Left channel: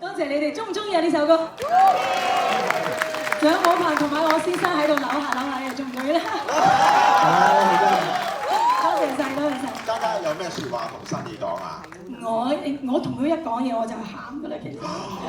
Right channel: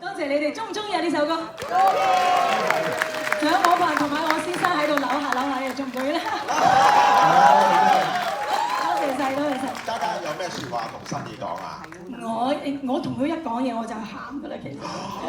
多謝你哋，中唔中意啊呢首歌？仲有寶鵬同埋我先生喺度扭下扭下，又中唔中意咧？多謝晒，多謝晒。嘉嘉有咩説話同新兒講啊？我同佢一講嘢我就喊㗎啦，其實。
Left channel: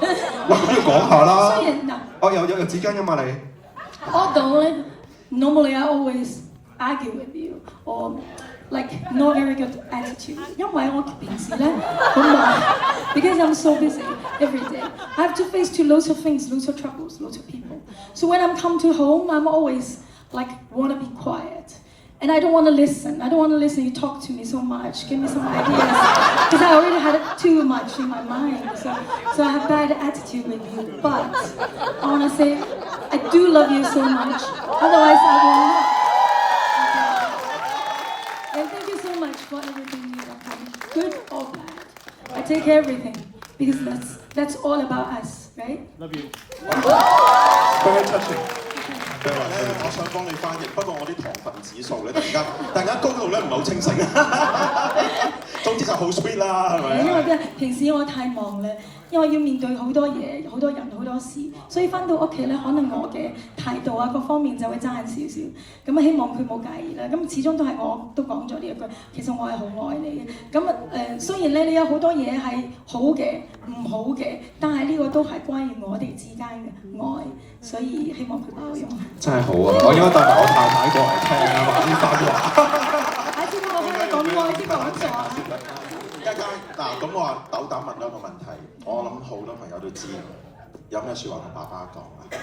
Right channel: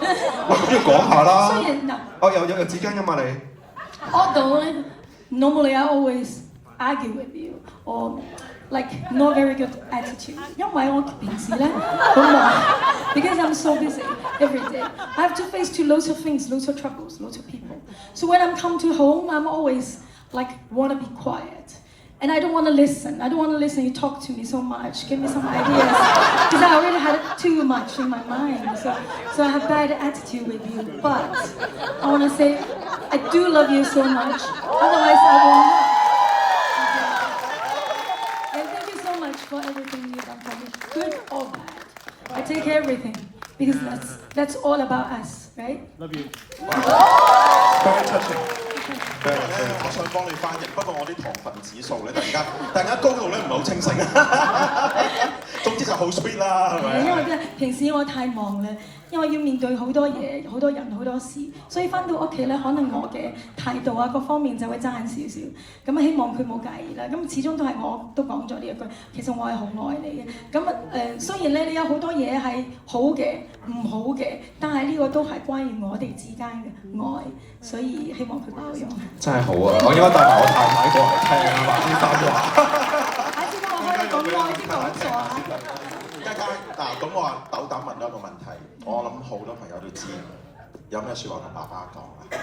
喂，咁要講下啦。雖然嗱，我有紙巾㗎嘛你。Although normally I always argue with you or like not very good attitude， 因為我平時咧好忙 ，because I'm so busy every day. I have to face to lots of things, lots of troubles, lots of people. So when I'm come to home, I'm always like wanna be quiet. And I don't want to listen. I don't want to listen. You talk to me so much. Give me some ideas. Because I already had too much in my mind. So I have bad attitude with you. But I want to say, I do love you so much. Otherwise, I will not. Okay. And thank you so much for everything you have done, good or bad. I take everything because that's all about us, right? Love you. Very touching。我想幫你翻譯，不過我啲糖分指數咧，突然間高度咧唔係好清醒。總之就好 sweet 啦，係咪？因為真係平時我太忙啦，因為要面對好多嘢、好多人、好多事，所以翻到屋企咧，可能我嘅態度啊各方面就會爭少少。咁希望佢冇介意啦。咁始終都係我都講咗呢一句，其實我係好愛你嘅。咁雖然咧你有好多嘢係好嘅、唔好嘅，但係呢個都係關於我哋之間嘅愛，所以希望佢包容。真係好啊！我應該帶埋我太太過嚟聽啊，話啲番話。下次我可以講愛啲講座啊。嘉嘉嗱，咁我話斗膽問咗一個問題，我諗好多朋友都知，有咩説話同爸爸講啊？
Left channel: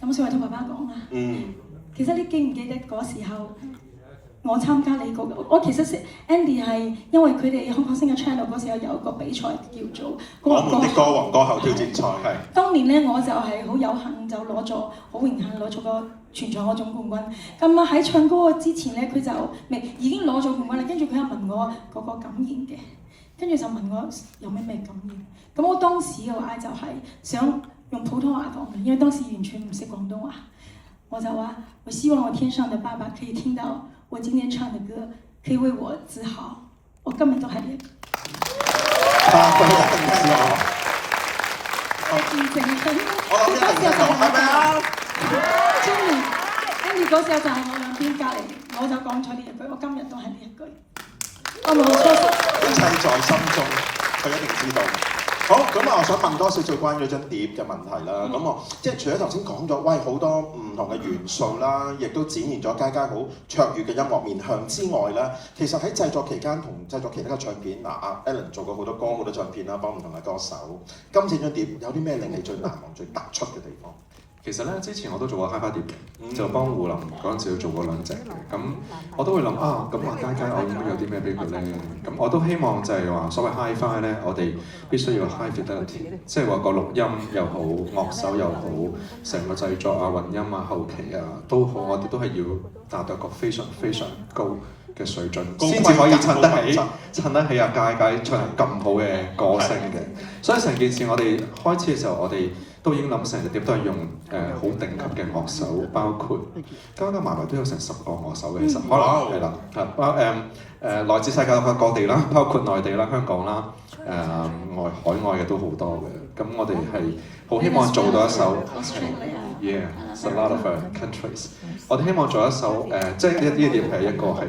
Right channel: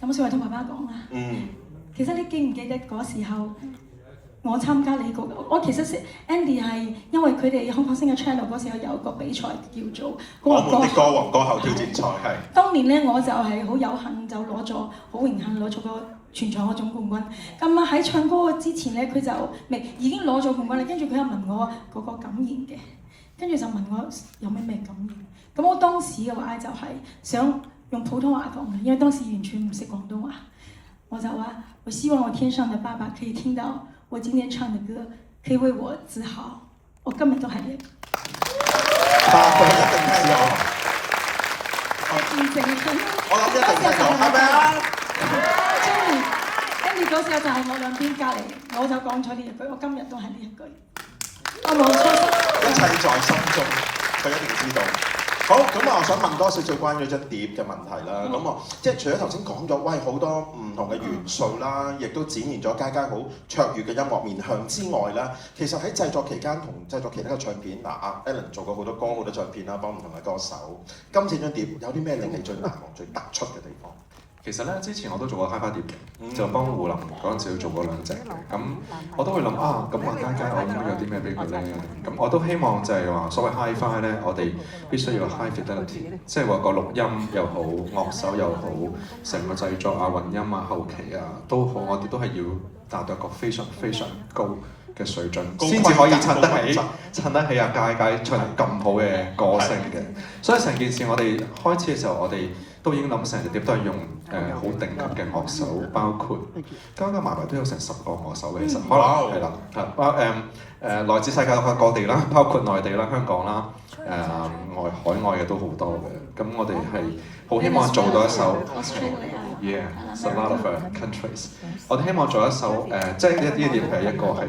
有冇説話同爸爸講啊？其實你記唔記得嗰時候？我參加你嗰個，我其實是 Andy 係因為佢哋香港星嘅 channel 嗰時候有個比賽叫做我們的歌王歌后挑戰賽係。當年咧我就係好有幸就攞咗，好榮幸攞咗個全場嗰總冠軍。咁啊喺唱歌之前咧，佢就已經攞咗冠軍啦。跟住佢又問我嗰個感言嘅，跟住就問我有咩感言。咁我當時嘅話就係想用普通話講嘅，因為當時完全唔識廣東話。我就話：我希望我天上的爸爸可以聽到我今天唱的歌，可以為我自豪。我今日都係呢一個。爸爸一定聽到。我見證佢。我諗一定聽到，係咪啊？中意。跟住嗰時候就係我兩邊隔離，我就講咗呢一句，我今日都係呢一句。我冇錯。一切在心中，佢一定知道。好，咁我想問多少少關於張碟嘅問題啦。咁我即係除咗頭先講咗，喂好多唔同嘅元素啦，亦都展現咗嘉嘉好卓越嘅音樂面向之外啦，其實喺製作期間同製作其他嘅唱片，阿 Alan 做過好多歌、好多唱片啦，幫唔同嘅歌手。今次張碟有啲咩令你最難忘、最突出嘅地方？其實咧，之前我都做過 HiFi 碟嘅，就幫胡林嗰陣時做過2隻嘅。咁我都會諗啊，咁話嘉嘉我應該有啲咩俾佢咧？咁我都希望就係話所謂 HiFi 咧，我哋必須要 high fidelity， 即係話個錄音又好，樂手又好，成個製作啊、混音啊、後期啊都好，我哋都係要達到一個非常非常高嘅水準，先至可以襯得起阿嘉嘉唱咁好嘅歌聲嘅。所以成件事我哋開始嘅時候，我哋都已經諗成隻碟都係用好頂級嘅樂手，包括加埋埋都有成10個樂手嘅，其實可能係啦，來自世界各地啦，包括內地啦、香港啦，海外嘅都好多嘅。咁我哋係好希望做到一首 ，yeah，a lot of countries。我哋希望做一首即係呢啲碟係一個係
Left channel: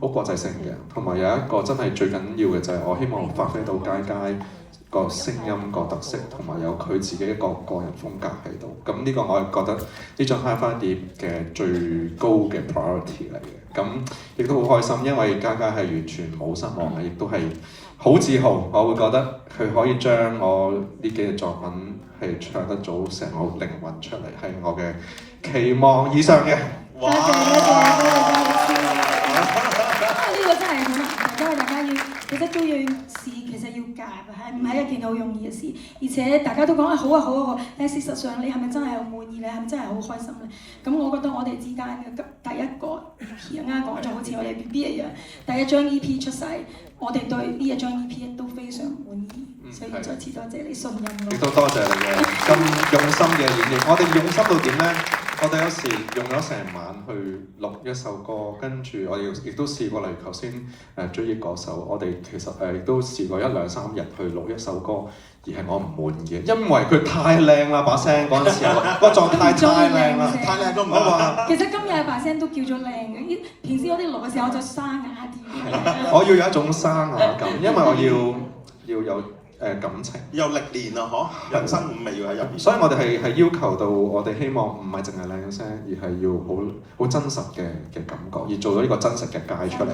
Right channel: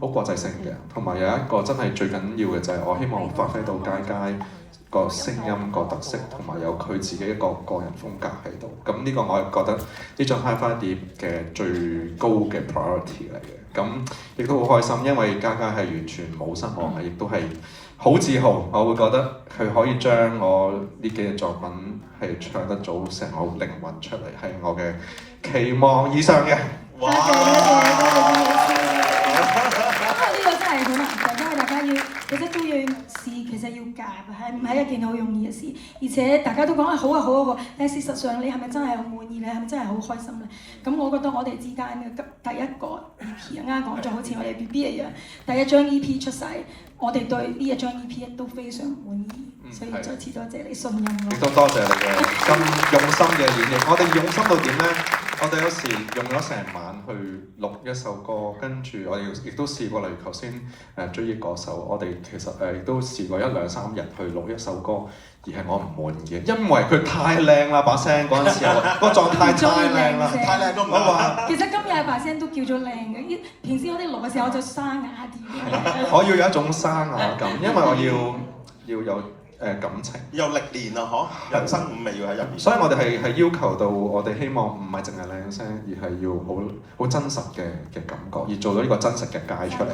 好國際性嘅，同埋有一個真係最緊要嘅就係我希望發揮到嘉嘉個聲音個特色，同埋有佢自己一個個人風格喺度。咁呢個我係覺得呢張 HiFi 碟嘅最高嘅 priority 嚟嘅。咁亦都好開心，因為嘉嘉係完全冇失望嘅，亦都係好自豪。我會覺得佢可以將我呢幾隻作品係唱得到成個靈魂出嚟，係我嘅期望以上嘅。多謝多謝多謝呢個真係好難嘅，因為大家要其實做樣事其實要夾，係唔係一件好容易嘅事？而且大家都講啊好啊好啊好，但係事實上你係咪真係好滿意？你係咪真係好開心咧？咁我覺得我哋之間嘅第一個 EP 啱講咗，好似我哋 BB 一樣，第一張 EP 出世，我哋對呢一張 EP 都非常滿意，所以再次多謝你信任我。亦都多謝你嘅咁用心嘅演繹。我哋用心到點咧？我哋有時用咗成晚去錄一首歌，跟住我哋亦都試過，例如頭先追憶嗰首，我哋其實亦都試過1、2、3日去錄一首歌，而係我唔滿意嘅，因為佢太靚啦把聲嗰陣時，個狀態太靚啦，太靚都唔好話。其實今日把聲都叫做靚嘅，平時我哋錄嘅時候就沙啞啲。我要有一種沙啞感，因為我要有感情，有歷練啊，嗬！人生五味要喺入邊。所以我哋係要求到，我哋希望唔係淨係靚聲，而係要好真實嘅感覺，而做到呢個真實嘅界出嚟。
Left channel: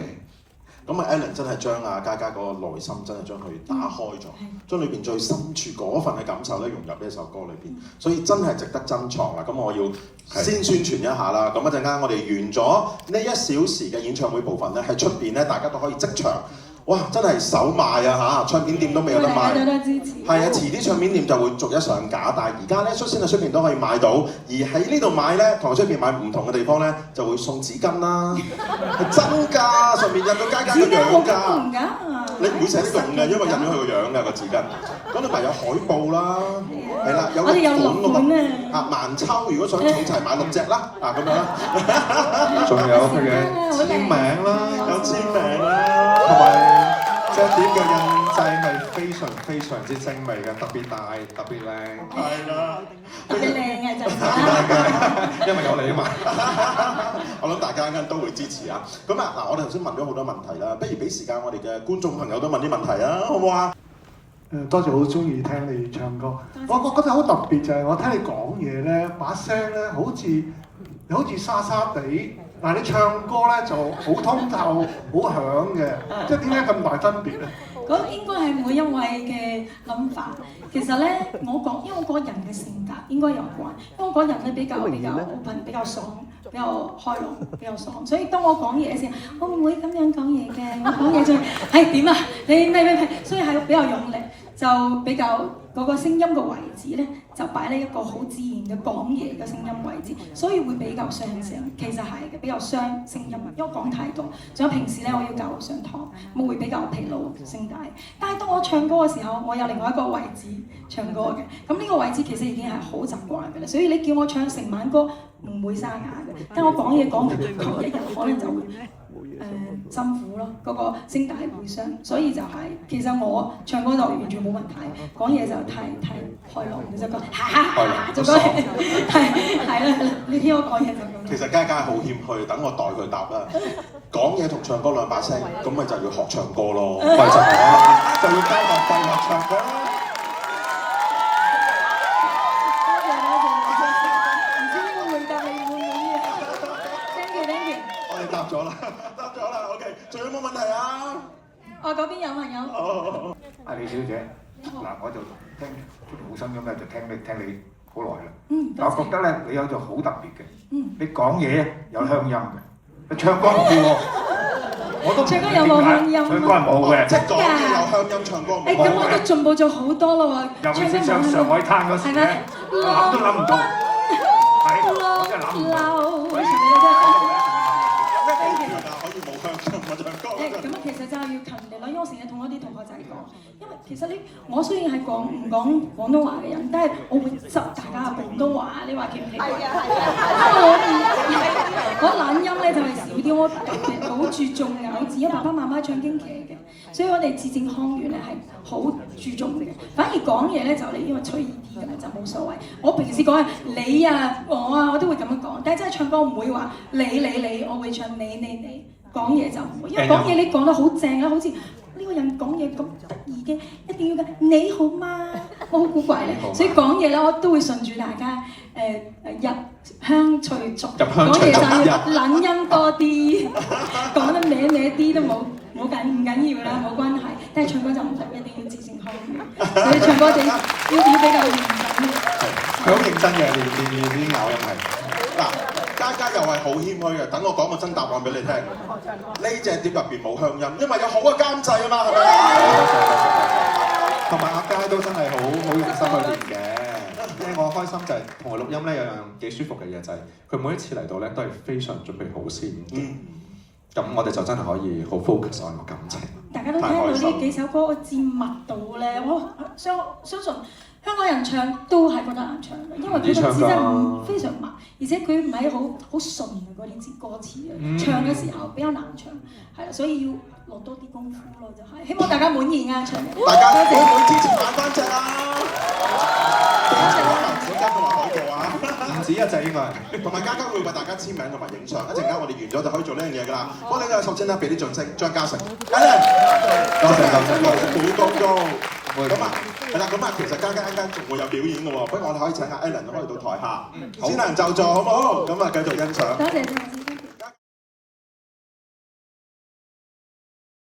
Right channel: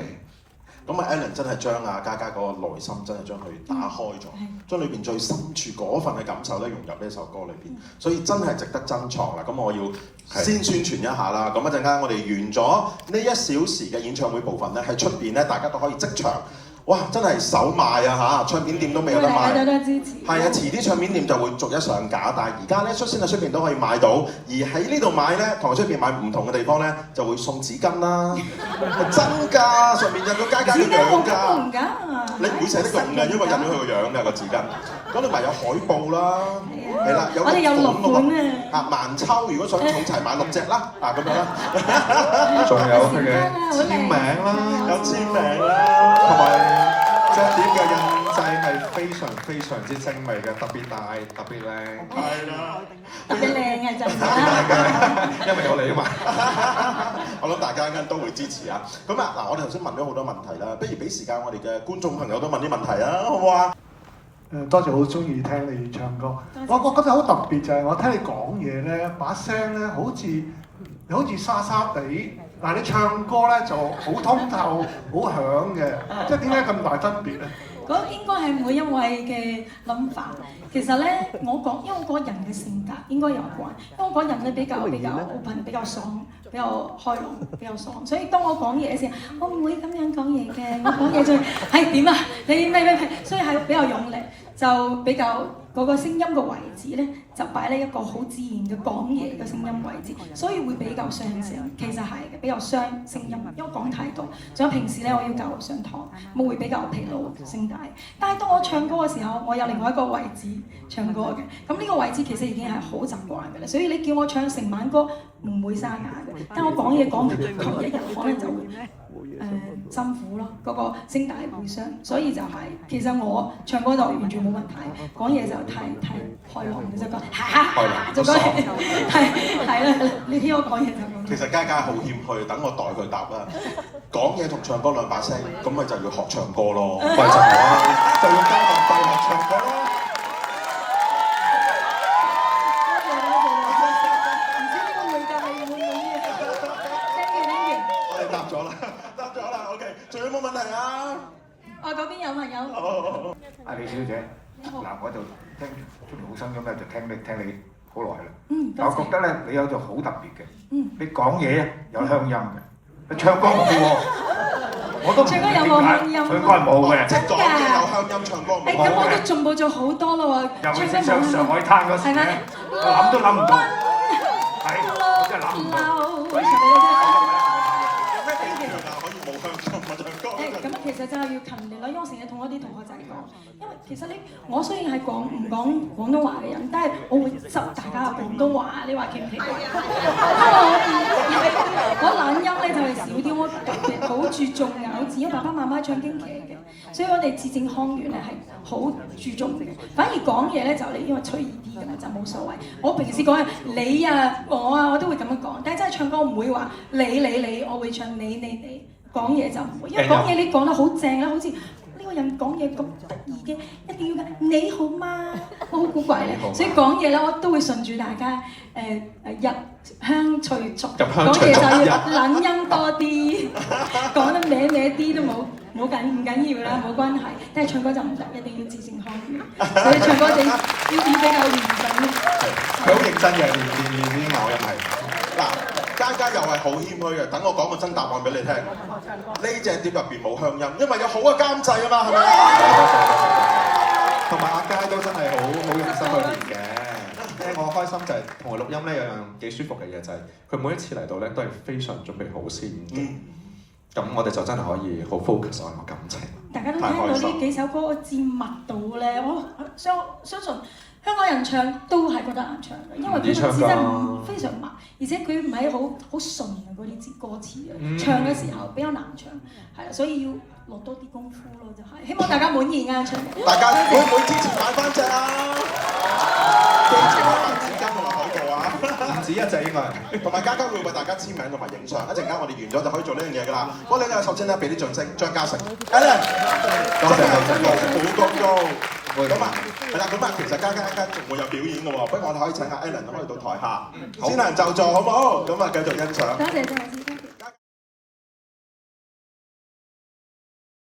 咁啊 Ellen 真係將嘉嘉嗰個內心真係將佢打開咗，將裏邊最深處嗰份嘅感受咧融入呢首歌裏邊，所以真係值得珍藏啦。咁我要先宣傳一下啦。咁一陣間我哋完咗呢1小時嘅演唱會部分咧，喺出邊咧大家都可以即場。哇！真係首賣啊嚇，唱片店都未有得賣。多多支持。係啊，遲啲唱片店就會逐一上架，但係而家咧率先喺出邊都可以買到，而喺呢度買咧，同喺出邊買唔同嘅地方咧，就會送紙巾啦，係真㗎，上面印到嘉嘉嘅樣㗎。你唔會寫得用嘅，因為印咗佢個樣㗎個紙巾。嗰度咪有海報啦，係啦，有6款啊，萬秋如果想儲齊買6隻啦，啊咁樣啦，仲有佢嘅簽名啦，有簽名啦，同埋隻碟嘅印製係非常之精美嘅，特別大，特別靚。係啦，特別靚嘅就係。因為有你啊嘛。我諗大家應該都會支持啊。咁啊嗱，我哋頭先問咗好多問題啦，不如俾時間我哋嘅觀眾朋友都問啲問題啊，好唔好啊？多謝，好中意聽你唱歌。我覺得好特別就係我聽你講嘢咧，把聲咧好似沙沙地，但係你唱歌咧就好通透、好響嘅，即係點解咁大分別咧？嗰應該係每一位嘅諗法。其實咧，因為我個人嘅性格應該有關，因為我個人咧比較 open， 比較爽，比較開朗，比較爽。所以當我講嘢嘅時候，我唔會咁樣講嘢嘅。我講嘢就係點啊？你咩？所以係比較用力，就比較嗰個聲音嘅位置咧，就擺喺一個好自然嘅講嘢嘅聲音位置，所以會比較傷聲。其實係嘅，比較傷聲音，因為講太多。仲有平時咧，我要教上堂，我會比較疲勞聲帶。但係當我唱歌嘅時候，我有另外一個位置唱歌嘅，咁呢個位置其實已經係好習慣嘅啦。所以你叫我唱成晚歌唔會沙啞嘅，但我講嘢講佢一日可能就會辛苦咯，嗰個聲帶會傷。所以就係其實我唱歌就完全冇問題，講嘢就太開朗，就講就講係啦。你聽我講嘢就咁。其實嘉嘉好謙虛，等我代佢答啦。講嘢同唱歌兩把聲，咁咪就要學唱歌咯，咪就係啦，就要交學費學唱歌咯。唔知呢個回答你滿唔滿意啊？Thank you。我哋答咗啦 ，OK， 仲有冇問題啊？我嗰邊有朋友。阿李小姐，嗱我就聽出好心咁咧，就聽你好耐啦。但我覺得咧，你有就好特別嘅。你講嘢有鄉音嘅。你唱歌冇喎，我都唔知點解。唱歌有冇鄉音？唱歌係冇嘅，即係講嘢有鄉音，唱歌冇。咁我都進步咗好多啦喎。尤其是上海灘嗰時咧，諗都諗唔到。係，我真係諗唔到。可以冇鄉音唱歌。咁其實就係要勤力咯，因為我成日同我啲同學仔講，因為其實我雖然係唔講廣東話嘅人，但係我會執大家嘅廣東話，你話奇唔奇怪？我懶音咧就係少啲，我特別好注重咬字，因為爸爸媽媽唱京劇嘅，所以我哋字正腔圓咧係好注重嘅。反而講嘢咧就你因為隨意啲㗎啦，就冇所謂。我平時講你啊我啊，我都會咁樣講，但係真係唱歌唔會話你，我會唱你。講嘢就唔會，因為講嘢你講得好正啦，好似呢個人講嘢咁得意嘅，一定要嘅你好嗎？我好古怪咧，所以講嘢咧我都會順住大家入鄉隨俗，講嘢就要懶音多啲，講得歪啲都唔緊要啦，冇關係。但係唱歌就唔得，一定要字正腔圓，所以唱歌要比較嚴謹。佢好認真嘅，練啲咬音係嗱。嘉嘉又係好謙虛嘅，等我講個真答案俾你聽。呢隻碟入邊冇鄉音，因為有好嘅監製啊嘛，係咪啊？同埋阿嘉都真係好用心去練嘅。我開心就係同佢錄音咧，有樣幾舒服嘅嘢就係佢每一次嚟到咧都係非常準備好先。咁我哋就真係可以好 focus 喺個感情。大家都聽到呢幾首歌嘅節密度咧，我相信香港人唱都係覺得難唱嘅，因為佢個字真係非常慢，而且佢唔係好順嘅嗰啲字歌詞啊，唱嘅時候比較難唱，係啦，所以要落多啲功夫咯，就係希望大家滿意啊！唱大家會唔會支持反翻隻啊？記住我文小嘉同埋海度啊！唔止一隻應該，同埋嘉嘉會為大家簽名同埋影相，一陣間我哋完咗就可以做呢樣嘢㗎啦。我哋首先咧俾啲掌聲，張嘉誠 Alan， 多謝多謝多謝，好高高。咁啊，係啦，咁啊，其實嘉嘉一間仲會有表演嘅喎，不如我哋可以請阿 Alan 可以到台下，先行就座好唔好？咁啊，繼續欣賞。多謝。